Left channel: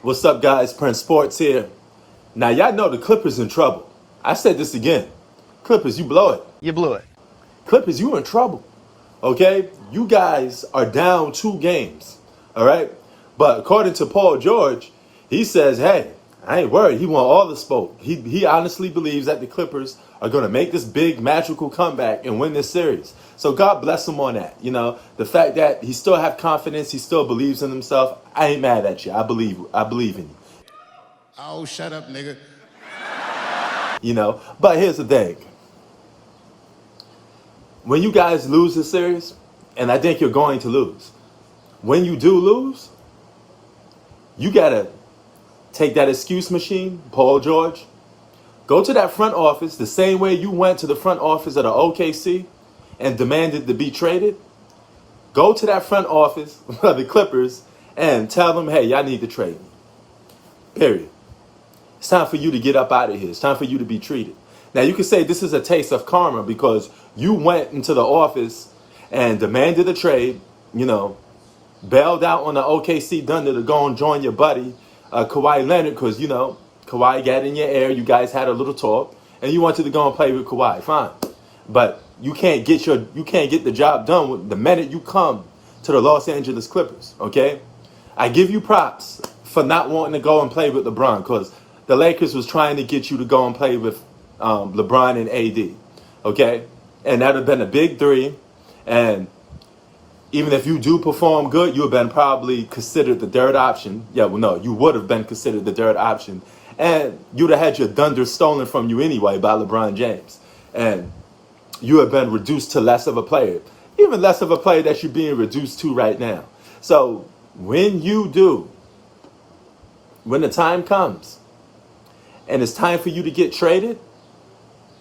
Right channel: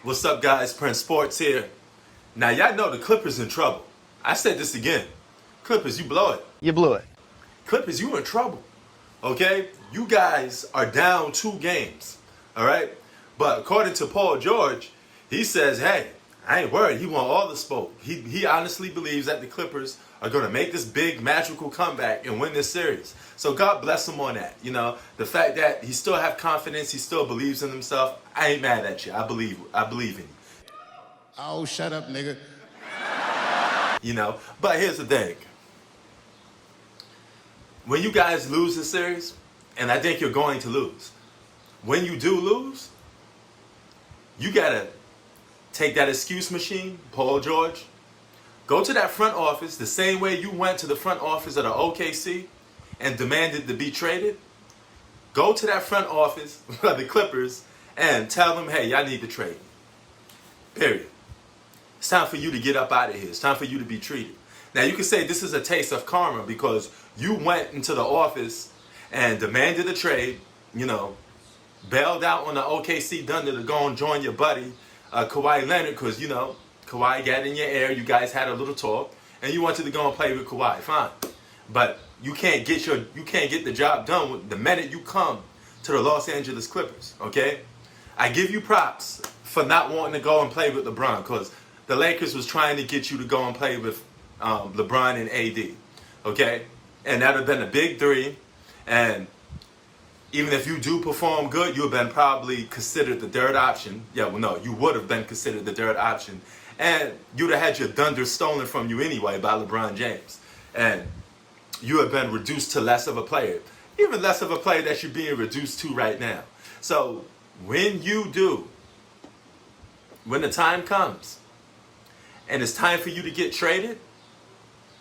What's up, guys? Prince Sports here. Now, y'all know the Clippers in trouble. I said this again. Clippers, you blow it. You blew it. Clippers, you in trouble. Okay? You guys are down 2 games. All right? But according to Paul George, he says, hey, I ain't worried. He want all the smoke. He honestly believes that the Clippers are going to make this big magical comeback and win this series. So God bless him on that. You know, the fact that he still have confidence, he still believes in himself. I ain't mad at you. I believe in you. Oh, shut up, nigga. You know, but here's the thing. When you guys lose this series, and I think you're going to lose, when you do lose, you got to take that excuse machine, Paul George, go to that front office the same way you went to the front office of the OKC and demanded to be traded. Go to that front office of the Clippers and tell them, hey, y'all need to trade me. Period. It's time for you to get up out of here. It's time for you to be treated. Now, you can say this is a taste of karma because you went into the office and demanded a trade, you know, bailed out on the OKC Thunder to go and join your buddy, Kawhi Leonard, because, you know, Kawhi got in your ear. You guys had a little talk, and you wanted to go and play with Kawhi. Fine. But you can't get the job done the minute you come to the Los Angeles Clippers, okay? I give you props for not wanting to go and play with LeBron because the Lakers was trying to get you to go and play with LeBron and AD, okay? And that would have been a big three. And even if you do perform good, you have been probably considered the third option. Yeah, well, no, you would have been considered the third option. And you'd have had your thunder stolen from you anyway by LeBron James. And you have been reduced to less of a player. Even less of a player that you're being reduced to right now. So when the time comes, and it's time for you to get traded,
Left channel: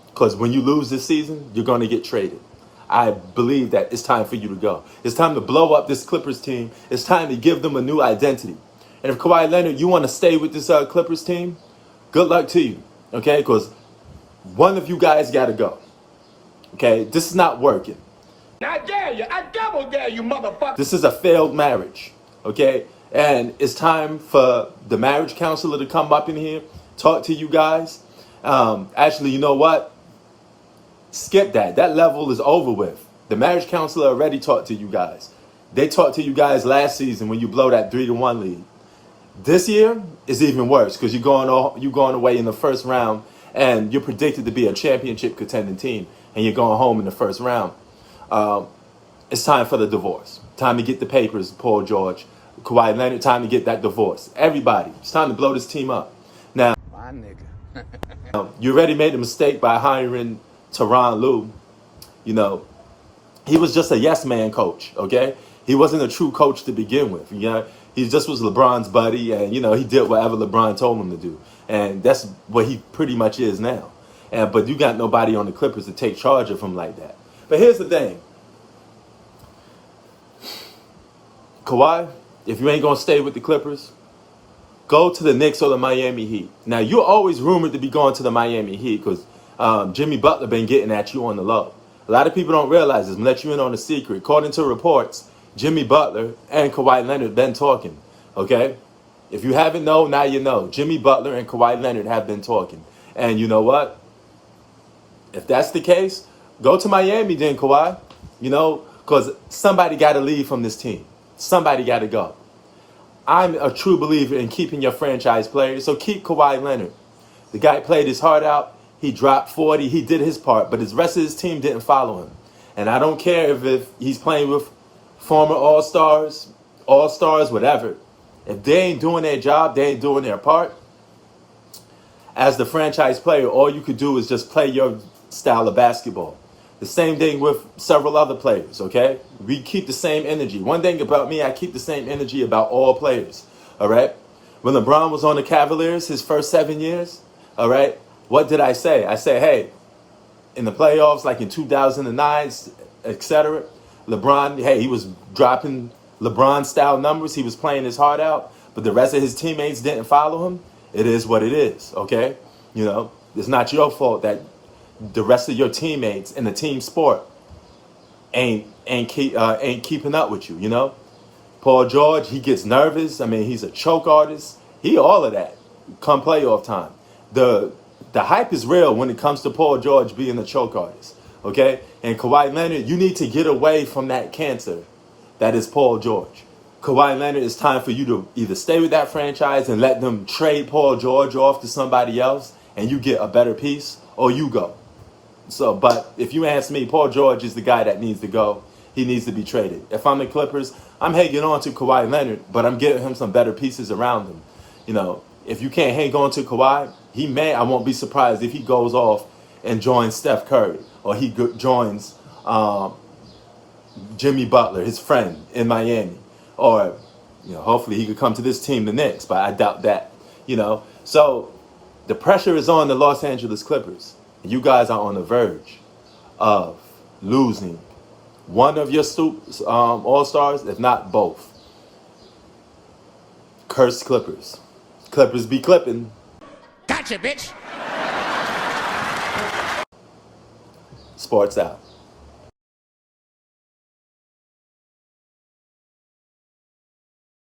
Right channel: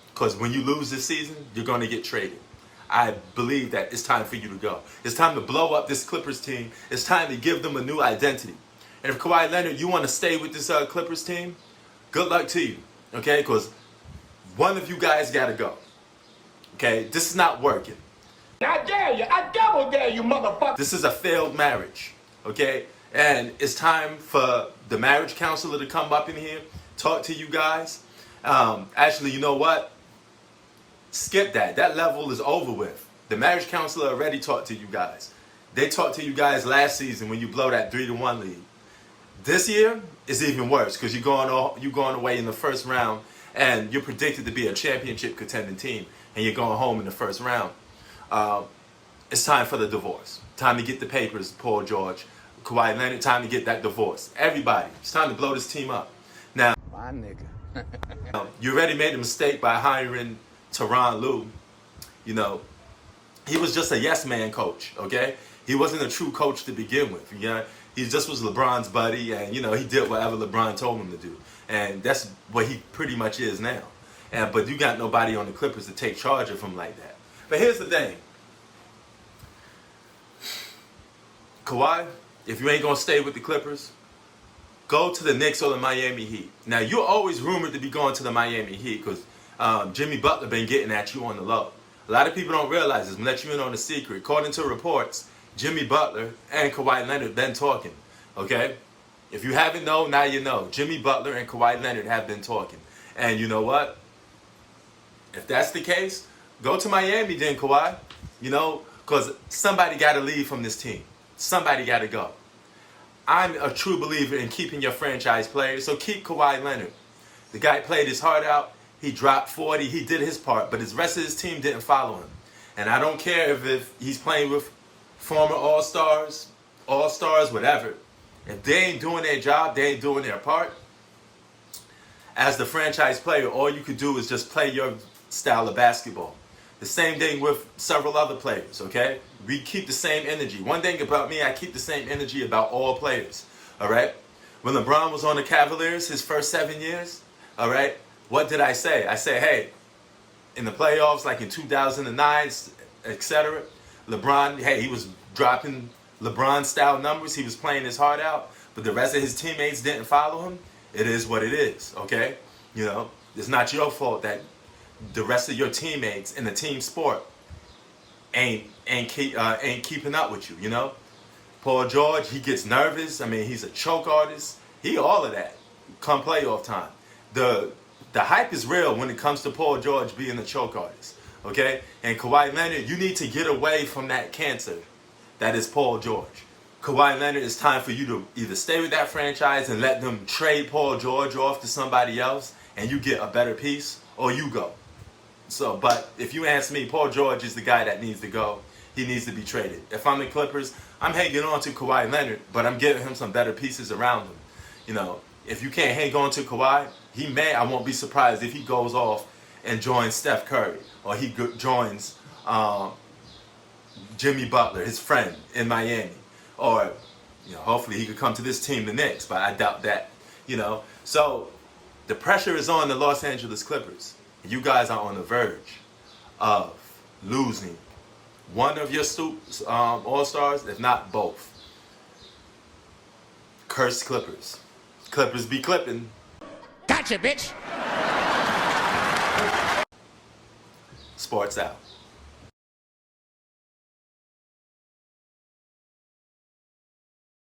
because when you lose this season, you're going to get traded. I believe that it's time for you to go. It's time to blow up this Clippers team. It's time to give them a new identity. And if Kawhi Leonard, you want to stay with this Clippers team, good luck to you, okay? Because one of you guys got to go, okay? This is not working. I dare you. I double dare you, motherfucker. This is a failed marriage, okay? And it's time for the marriage counselor to come up in here, talk to you guys. Actually, you know what? Skip that. That level is over with. The marriage counselor already talked to you guys. They talked to you guys last season when you blow that 3-1 lead. This year is even worse because you're going away in the first round and you're predicted to be a championship contending team and you're going home in the first round. It's time for the divorce. Time to get the papers, Paul George, Kawhi Leonard. Time to get that divorce. Everybody, it's time to blow this team up. Now, My nigga. you already made a mistake by hiring Tyronn Lue. You know, he was just a yes man coach, okay? He wasn't a true coach to begin with. You know, he just was LeBron's buddy, and you know, he did whatever LeBron told him to do. And that's what he pretty much is now. But you got nobody on the Clippers to take charge of him like that. But here's the thing. Kawhi, if you ain't gonna stay with the Clippers, go to the Knicks or the Miami Heat. Now, you're always rumored to be going to the Miami Heat because Jimmy Butler been getting at you on the low. A lot of people don't realize this. I'm gonna let you in on a secret. According to reports, Jimmy Butler and Kawhi Leonard been talking. Okay? If you haven't known, now you know. Jimmy Butler and Kawhi Leonard have been talking. And you know what? If that's the case, go to Miami then, Kawhi. You know, because somebody got to leave from this team. Somebody got to go. I'm a true believer in keeping your franchise players, so keep Kawhi Leonard. The guy played his heart out. He dropped 40. He did his part, but the rest of his team didn't follow him. And I don't care if he's playing with former All-Stars, whatever. If they ain't doing their job, they ain't doing their part. As the franchise player, all you could do is just play your style of basketball. The same thing with several other players, okay? We keep the same energy. One thing about me, I keep the same energy about all players, all right? When LeBron was on the Cavaliers his first 7 years, all right, what did I say? I said, hey, in the playoffs, like in 2009, etc., LeBron, hey, he was dropping LeBron-style numbers. He was playing his heart out, but the rest of his teammates didn't follow him. It is what it is, okay? You know, it's not your fault that the rest of your teammates in the team sport ain't keeping up with you, you know? Paul George, he gets nervous. I mean, he's a choke artist. He all of that come playoff time. The hype is real when it comes to Paul George being a choke artist. Okay? And Kawhi Leonard, you need to get away from that cancer that is Paul George. Kawhi Leonard, it's time for you to either stay with that franchise and let them trade Paul George off to somebody else and you get a better piece, or you go. So, but if you ask me, Paul George is the guy that needs to go. He needs to be traded. If I'm the Clippers, I'm hanging on to Kawhi Leonard, but I'm getting him some better pieces around him. You know, if you can't hang on to Kawhi, I won't be surprised if he goes off and joins Steph Curry, or he joins Jimmy Butler, his friend in Miami, or hopefully he could come to this team, the Knicks, but I doubt that. So the pressure is on the Los Angeles Clippers. You guys are on the verge of losing one of your all-stars, if not both. Cursed Clippers. Clippers be clipping. Gotcha, bitch. Sports out.